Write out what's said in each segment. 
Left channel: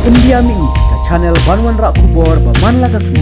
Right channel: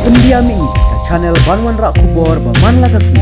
Pendiam ini ke channel Banwan Rak Kubor Baman Lagasmi.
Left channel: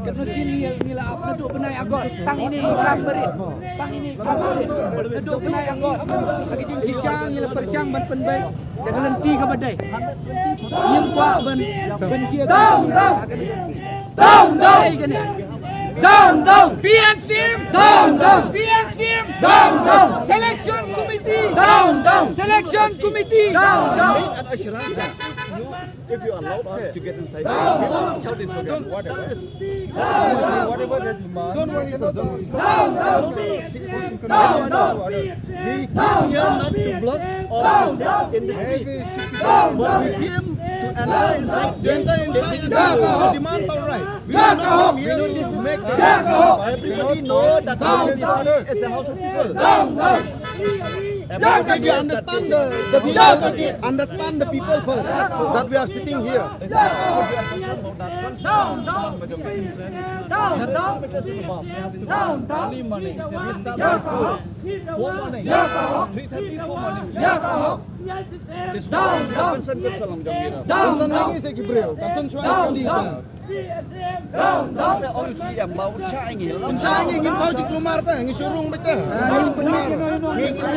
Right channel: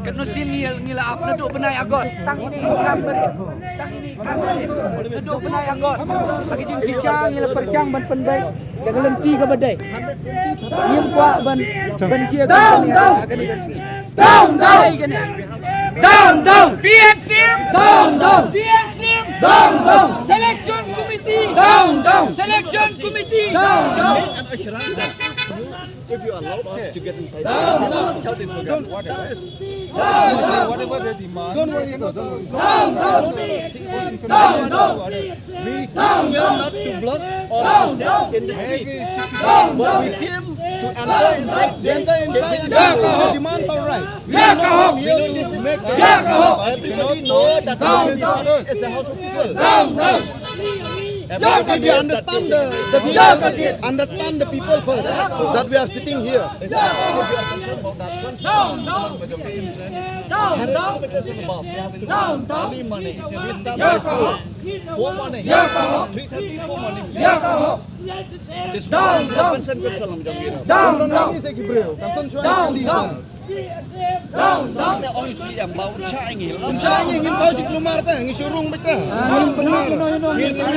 Kenusin ngila apa duduk penai Agos tang ini ikan berit duduk penai Agos bagi jin sisiang ngila persiang ban penbaik dengan lenti ke badai yem kuat ban cia down PNC selection committee If you allow us to get inside, we will not shout this slogan. That is whatever they demand. Don't worry, sir. Don't worry. We came here not to block or to sit in the street, but we came to enter inside. The demands are right. We are not here to make the. Everybody know that HSBC is a house of people. Everybody understand the people first that we are sitting here. Early morning. We start by 4 morning. 3:30 4 morning. This concern salam jam gira. Concern lagi saya kibreo. Concern cuai kali. Saya orang isi yang bau cai ni. Cai ni ingin tahu di kelumar teh, ingin surung betul. Tahu kelumar. Ingin